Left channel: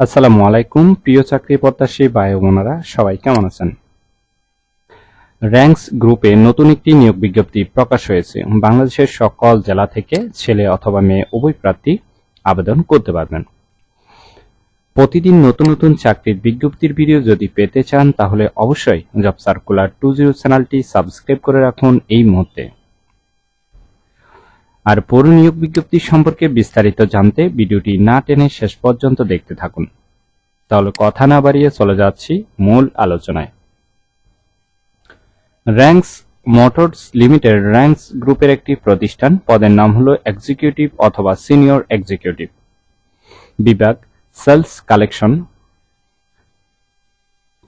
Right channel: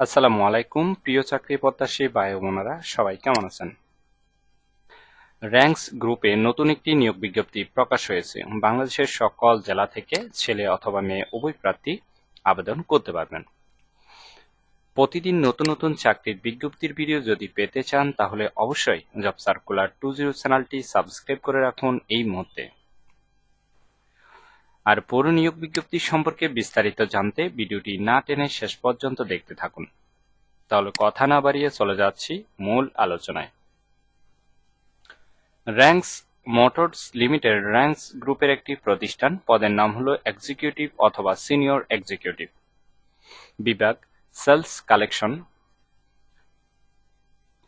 আসসালামু আলাইকুম, প্রিয় চাকরি প্রত্যাশী ভাই বোনেরা সবাই কেমন আছেন? র্যাঙ্কস গ্রুপে নতুন একটি নিয়োগ বিজ্ঞপ্তি প্রকাশ হয়েছে। বাংলাদেশের সকল জেলা থেকে ছেলে অথবা মেয়ে উভয় প্রার্থী আবেদন করতে পারবেন। প্রতিদিন নতুন নতুন চাকরির বিজ্ঞপ্তির ভিডিও যদি পেতে চান, তাহলে অবশ্যই জব সার্কুলার টু জিরো চ্যানেলটি সাবস্ক্রাইব করে রাখুন এই মুহূর্তে। আর পুরো নিয়োগ বিজ্ঞপ্তি সম্পর্কে বিস্তারিত জানতে ভিডিওটি না টেনে শেষ পর্যন্ত দেখতে থাকুন। তাহলে কথা না বাড়িয়ে চলে যাচ্ছি মূল আলোচনায়। র্যাঙ্কস মোটরস লিমিটেড র্যাঙ্কস গ্রুপের একটি প্রতিষ্ঠান, পদের নাম হলো এক্সিকিউটিভ অথবা সিনিয়র এক্সিকিউটিভ। বিভাগ, সেলস কালেকশন।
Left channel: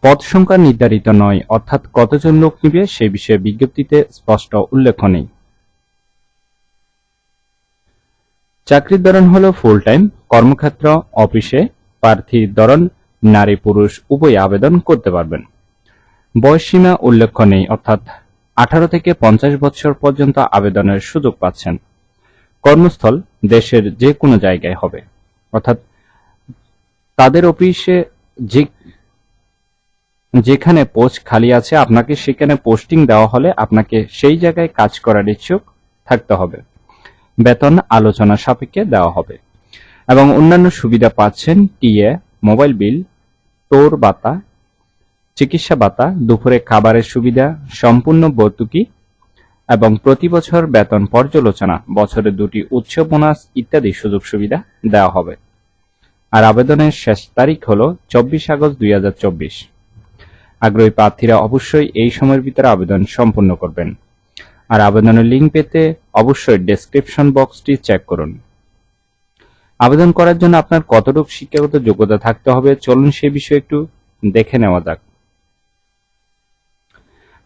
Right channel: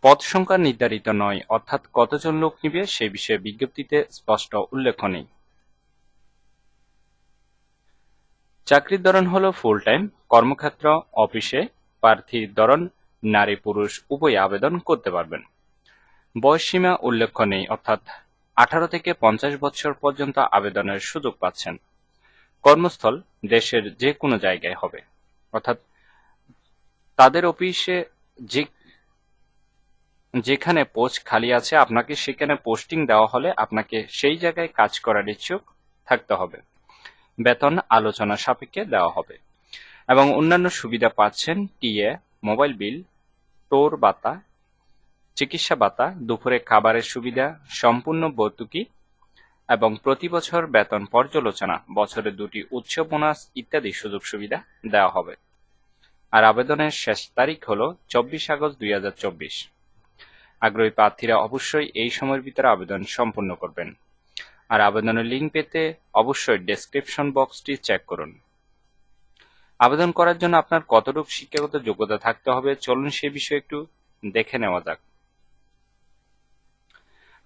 পদ সংখ্যা নির্ধারিত নয়, অর্থাৎ কতজন লোক নিবে সে বিষয়ে বিজ্ঞপ্তিতে স্পষ্ট উল্লেখ নেই। চাকরির ধরন হল ফুল টাইম কর্মক্ষেত্র, অফিসে, প্রার্থীর ধরন, নারী, পুরুষ, উভয় আবেদন করতে পারবেন। বয়সসীমা উল্লেখ্য নেই, অর্থাৎ আঠারো থেকে পঞ্চাশ বছর পর্যন্ত আবেদনের সুযোগ পাচ্ছেন। কর্মস্থল দেশের যে কোনো জায়গায় হবে। অর্থাৎ তাদের অফিসে যে যেখানে পোস্ট খালি আছে, আপনাকে সেখানে পোস্টিং দেওয়া হলে আপনাকে সেই জায়গায় কাজ করার ইচ্ছুক থাকতে হবে। বেতন আলোচনা সাপেক্ষে দেওয়া হবে। এবং অন্যান্য সুবিধা পাচ্ছেন টিএ, মোবাইল বিল টোর ভাতা, চিকিৎসা ভাতা, দুপুরে খাবারের সুবিধা, সম্পূর্ণ ভর্তুকি এবং প্রতি বছর বেতন পর্যালোচনা, বছরে দুটি উচ্চ বোনাস ইত্যাদি সুযোগ সুবিধা দেওয়া হবে। আর আবেদনের শেষ তারিখ হল চব্বিশ আগস্ট দুই হাজার চব্বিশ। আগ্রহী প্রার্থীরা অবশ্যই এই সময়ের ভিতরে আবেদন সম্পূর্ণ করবেন। আর আবেদনের লিঙ্ক পেতে অবশ্যই ডেসক্রিপশন বক্সটি চেক করুন। আবেদন করার জন্য আপনার কতটুকু শিক্ষাগত যোগ্যতা থাকতে হবে, চলুন সে বিষয়ে একটু দেখে নেওয়া যাক।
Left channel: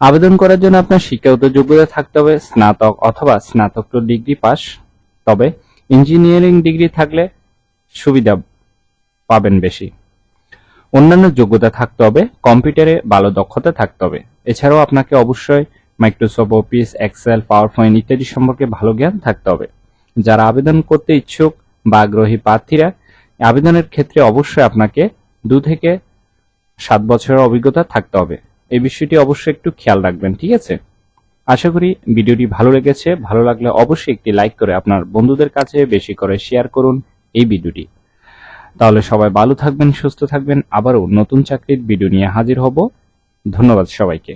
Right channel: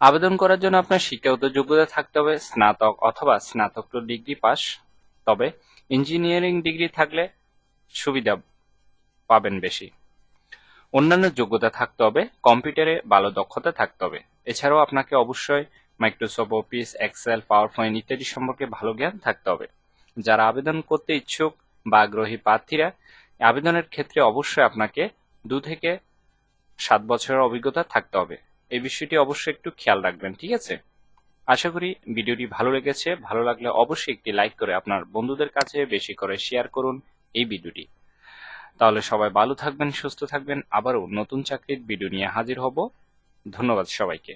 আবেদন করার জন্য আপনার শিক্ষাগত যোগ্যতা থাকতে হবে, স্নাতক অথবা স্নাতকোত্তর ডিগ্রি পাস তবে ইঞ্জিনিয়ারিং ডিগ্রি থাকলে সুবিধা পাবেন বেশি। অন্যান্য যোগ্যতা থাকতে হবে, কম্পিউটারে ভালো দক্ষতা থাকতে হবে, এছাড়াও আপনাকে অবশ্যই Microsoft Office Excel PowerPoint ইত্যাদি সম্পর্কে ভালো জ্ঞান থাকতে হবে। যারা আবেদন করতে ইচ্ছুক বা আগ্রহী প্রার্থীরা, আবেদনের ক্ষেত্রে অবশ্যই আপনাকে দু থেকে সাত বছরের অভিজ্ঞতা থাকতে হবে। এই বিষয়টি অবশ্যই একটু খেয়াল রাখবেন, ঠিক আছে? আশা করি ভিডিওটি ভালো লেগেছে। ভালো লাগলে অবশ্যই একটি লাইক করে আপনার বন্ধুদের কাছে বেশি করে শেয়ার করুন এই ভিডিওটি। তাহলে সবাই ভালো থাকবেন, সুস্থ থাকবেন। আবারও নতুন চাকরির ভিডিও নিয়ে হাজির হব। ধন্যবাদ সবাইকে।